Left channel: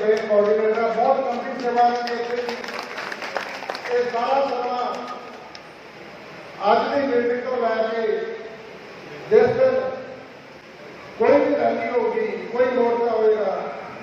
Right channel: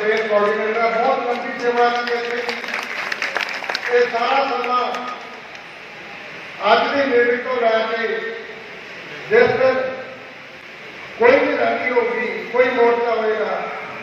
ਇਹ ਕੋਆਰਡੀਨੇਟਰ ਬਹੁਤ ਲੰਬੀ ਸੇਵਾ ਦੀ ਇਹ ਸਾਰਾ ਸਮਾਂ ਅੱਜ ਦੀ ਮੀਟਿੰਗ ਤੋਂ ਲੈ ਕੇ ਜਿਸ ਦਿਨ ਕੋਈ ਵੀ ਰੈਲੀ ਹੋਗੀ ਕੋਈ ਮੋਰਚਾ ਹੋਏਗਾ,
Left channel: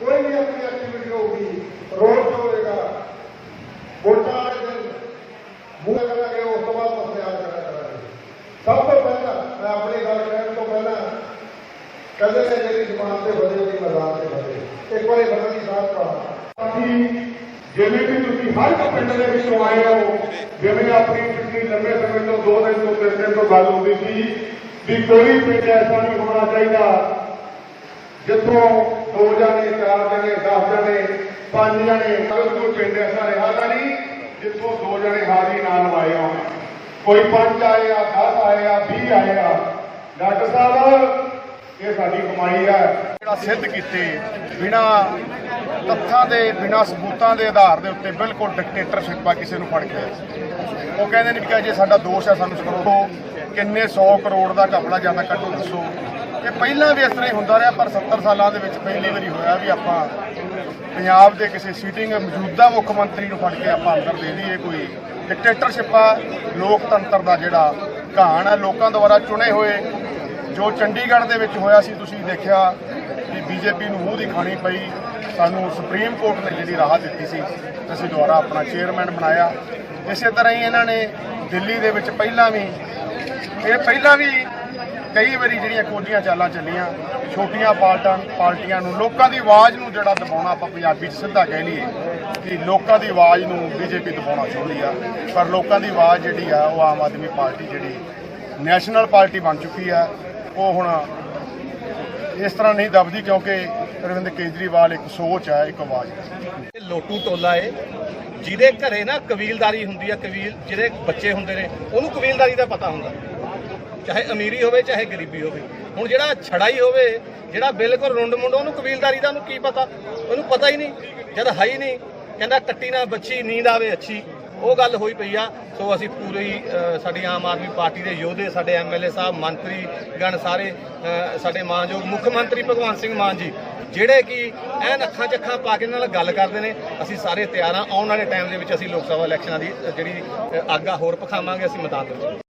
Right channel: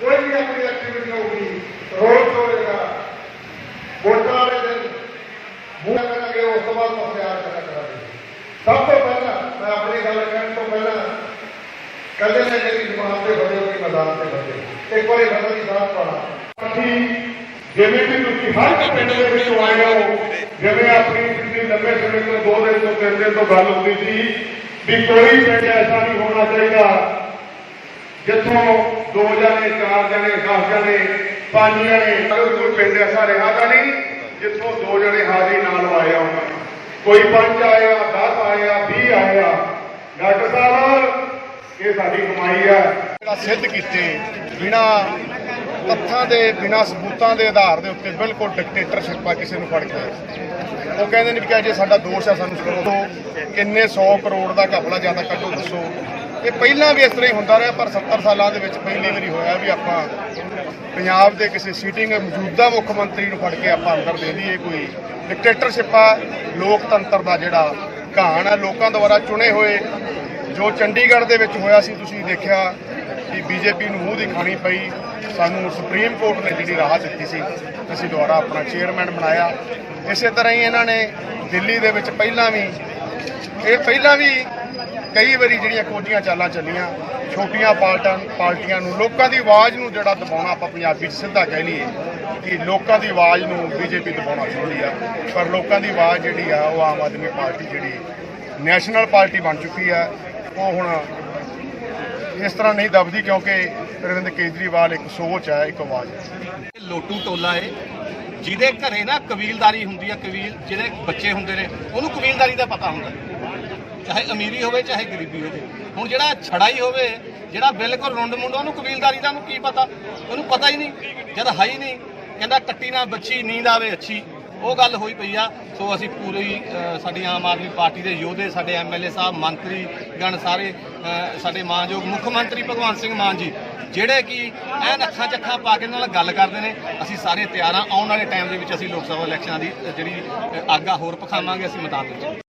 ਕੋਈ ਵੀ ਆਪਣੀ ਐਕਟੀਵਿਟੀ ਹੋਗੀ ਰੋਡ ਹੋਏਗਾ, ਵੋਟਾਂ ਵਾਲੇ ਦਿਨ ਮੂੰਹ ਕਰਾਂਗੇ ਉਸ ਤੋਂ ਬਾਅਦ ਪ੍ਰਚਾਰ ਕਰਾਂਗੇ। ਸਭ ਤੋਂ ਪਹਿਲਾਂ, ਮੈਂ ਆਪਣੀ ਗੱਲ ਕਰਨ ਤੋਂ ਪਹਿਲਾਂ ਕੱਲੇ ਨੇ ਜਿਹੜੀ ਜ਼ਮਾਨ ਤੇ ਬੜੇ ਹੋਈ ਮੈਦਾਨ ਤੇ ਬੜੇ ਇੱਕ ਵਾਰੀ ਬੰਦਾ ਦੀ ਸਾਥ ਪੜਾ ਅਸੀਂ ਜਿਵੇਂ ਵੀ ਤੁਸੀਂ ਹਰ ਇੱਕ ਪਿੰਡ ਦੇ ਵਿੱਚ ਆਏ ਹੋ ਜਿਵੇਂ ਆਪਣੀ ਪਿਛਲੀ ਲੰਬੇ ਸਮੇਂ ਤੋਂ ਦੋ ਦਿਨ ਤੋਂ ਤਿੰਨ ਦਿਨ ਤੋਂ ਗੱਲ ਹੁੰਦੀ ਸੀ ਵੀ ਕੋਈ ਪਿੰਡ ਐਸਾ ਨਹੀਂ ਹੋਣਾ ਚਾਹੀਦਾ ਜਿੱਥੋਂ ਦੋ ਜਣੇ ਚਾਰ ਜਣੇ 10 ਜਣੇ ਪੰਜ ਜਣੇ ਅਗਰ ਕੋਈ ਪਿੰਡ ਐਸਾ ਰਿਹਾਗਾ ਨਹੀਂ ਜਿੱਥੋਂ ਦੋ ਜਣੇ ਹਾਜ਼ਰੀ ਨਾਲ ਆਏ ਹੋਣ ਕੋਈ ਪੰਜ ਆਇਆ 10 ਆਇਆ 20 ਆਇਆ ਡਾਕਟਰ ਸਾਹਿਬ ਇਹ ਸਾਡੀ ਕਮਾਈ ਹੈ। ਜਿਹੜਾ ਸਿੱਧ ਕੀਤੇ, ਬਿਨਾ ਤੱਥਾਂ ਦੇ, ਬਿਨਾ ਸਬੂਤਾਂ ਦੇ ਆਧਾਰ ਦੇ ਉੱਤੇ ਬਿਲਕੁਲ ਡਿਕਟੇਟਰਸ਼ਿਪ ਆ ਕਿਸੇ ਨੂੰ ਫੜ ਕੇ। ਉਹ ਕਹਿੰਦੇ ਨੇ ਵੀ ਕਿ ਜੇ ਸਾਡਾ ਦੋਸ਼ ਹੈ ਸਾਨੂੰ ਕਰੋ। ਕਿੰਨੇ 100 ਕਰੋੜ ਦਾ ਘਪਲਾ ਜਾਂਦਾ ਕੱਟੋ ਦੱਸੋ। ਇਹ ਪਹਿਲਾਂ ਵੀ ਇਸ ਤਰ੍ਹਾਂ ਹੀ ਹੁੰਦਾ ਰਿਹਾ, ਪਰ 70 ਸਾਲਾਂ ਦੇ ਵਿੱਚ ਪਹਿਲੀ ਵਾਰੀ ਹੋਇਆ ਵੀ ਆਪਾਂ ਪੰਜਾਬ ਦੇ ਕਿਸੇ ਸੀਟਿੰਗ ਮੌਜੂਦਾ ਮੁੱਖ ਮੰਤਰੀ ਨੂੰ ਫੜ ਕੇ ਆਪਾਂ ਅੰਦਰ ਦੇ ਦਈਏ ਕੋਈ ਡਿਕਟੇਟਰਸ਼ਿਪ ਆ। ਲੋਕਤੰਤਰ ਦਾ ਜਿਹੜਾ ਘਾਣ ਹੈ ਲੋਕਾਂ ਦੁਆਰਾ ਚੁਣੇ ਹੋਏ ਜੋ ਚੰਡੀਗੜ੍ਹ ਦੇ ਵਿੱਚ ਹੋਇਆ ਸੀ, ਤੁਸੀਂ ਦੇਖਿਆ ਕਿ ਬੀਜੇਪੀ ਨੂੰ ਮੂੰਹ ਦੀ ਖਾਣੀ ਪਈ। ਸਾਨੂੰ ਸੁਪਰੀਮ ਕੋਰਟ ਨੇ ਜਿਹੜੀ ਰਾਹਤ ਦਿੱਤੀ ਸੀ, ਅਸੀਂ ਦੁਬਾਰਾ ਆਪਣਾ ਚੇਅਰਮੈਨ ਬਣਾਇਆ। ਇਸੇ ਤਰ੍ਹਾਂ ਹੀ ਇਹਨਾਂ ਨੇ ਦਿੱਲੀ ਦੇ ਵਿੱਚ ਪਹਿਲਾਂ ਵੀ, ਇਹ ਪਹਿਲਾਂ ਵੀ ਕਈ ਵਾਰੀ ਜਿਹੜੀਆਂ ਕੋਝੀਆਂ ਚਾਲਾਂ ਚੱਲੀਆਂ, ਛੋਟੀਆਂ ਪਾਰਟਾਂ ਪਾਰਟੀਆਂ ਨੂੰ ਲੋਕਾਂ ਦੀ ਆਵਾਜ਼ ਨੂੰ ਜਿਹੜਾ ਦਬਾਉਣਾ ਆਪਾਂ ਪੰਜਾਬੀ 'ਚ ਸਿੱਧਾ ਕਹਿ ਲਈਏ, ਕਿ ਲੋਕਾਂ ਦੀ ਆਵਾਜ਼ ਨੂੰ ਬੀਜੇਪੀ ਦਬਾਉਣਾ ਚਾਹੁੰਦੀ ਆ। ਪਰ ਲੋਕਾਂ ਦੀ ਆਵਾਜ਼ ਜਿਹੜੀ ਆ, ਉਹ ਆਮ ਆਦਮੀ ਪਾਰਟੀ ਜਿਹੜੀ, ਨੈਸ਼ਨਲ ਪਾਰਟੀ ਬਣ ਚੁੱਕੀ ਆ। ਉਹ ਹੁਣ ਇਸ ਤਰ੍ਹਾਂ ਨਹੀਂ ਦਬਦੀ ਕਿਉਂਕਿ ਅਰਵਿੰਦ ਕੇਜਰੀਵਾਲ ਇੱਕ ਸੋਚ ਹੈ, ਇੱਕ ਆਵਾਜ਼ ਹੈ। ਇਹ ਲੋਟੂ ਟੋਲਾ ਏ, ਜਿਹਦੇ ਘਰੇ ਨਾ ਕਬੀਲਦਾਰੀ ਹੁੰਦੀ ਆ, ਕਬੀਲ ਜਿਹੜੇ ਬੱਚੇ ਹੁੰਦੇ ਨੇ, ਉਹਨੂੰ ਕਬੀਲਦਾਰੀ ਦਾ ਪਤਾ ਹੁੰਦਾ। ਚਾਹੇ ਅਮੀਰੀ ਹੋਵੇ, ਚਾਹੇ ਗਰੀਬੀ ਹੋਵੇ। ਹੁਣ ਜਿਹੜਾ ਛੜਾ ਹੀ ਹੋਵੇ, ਜਿਹੜਾ ਬਿਲਕੁਲ ਰੁੰਡ ਮੁੰਡ, ਉਹਨੂੰ ਕਬੀਲਦਾਰੀ ਦਾ ਉਹਨੂੰ ਕੀ ਪਤਾ? ਉਹਨੂੰ ਪਤਾ ਹੀ ਨਹੀਂ, ਜਦ ਹੈ ਹੀ ਨਹੀਂ, ਕਹਿੰਦਾ ਕੱਟੀ ਨਾ ਬੱਚੀ, ਨੀਂਦ ਆਵੇ ਅੱਛੀ। ਉਹ ਗੱਲ ਹੋਈ ਪਈ ਆ। ਸੋ ਅਸੀਂ ਪੂਰੀ ਸਾਡੀ ਆਮ ਆਦਮੀ ਪਾਰਟੀ ਦੇ ਯੋਧੇ ਸਾਡੇ ਐਮਐਲਏ ਸਾਹਿਬ ਮੰਤਰੀ ਗਣ ਸਾਰੇ ਸਾਡੇ ਮਾਨਯੋਗ ਮੁੱਖ ਮੰਤਰੀ ਭਗਵੰਤ ਸਿੰਘ ਮਾਨ ਜੀ ਜਿਹੜੇ ਕਿ ਐਨ ਅੱਖਾਂ ਚੱਖਾਂ ਪਾ ਕੇ ਨਾਲ ਗੱਲ ਕਰਦੇ ਨੇ। ਅਸੀਂ ਸਾਰੇ ਤਿਆਰ ਹਾਂ ਆਉਣ ਵਾਲੇ ਟਾਈਮ ਦੇ ਵਿੱਚ ਅਸੀਂ ਲੋਕ ਸਭਾ ਇਲੈਕਸ਼ਨਾਂ ਦੀ ਜਿਹੜੀ ਅ, ਆਗਾਹ ਹੋਰ ਪਖਾਵਾਂਗੇ ਅਸੀਂ ਮੈਦਾਨ ਦੇ ਵਿੱਚ।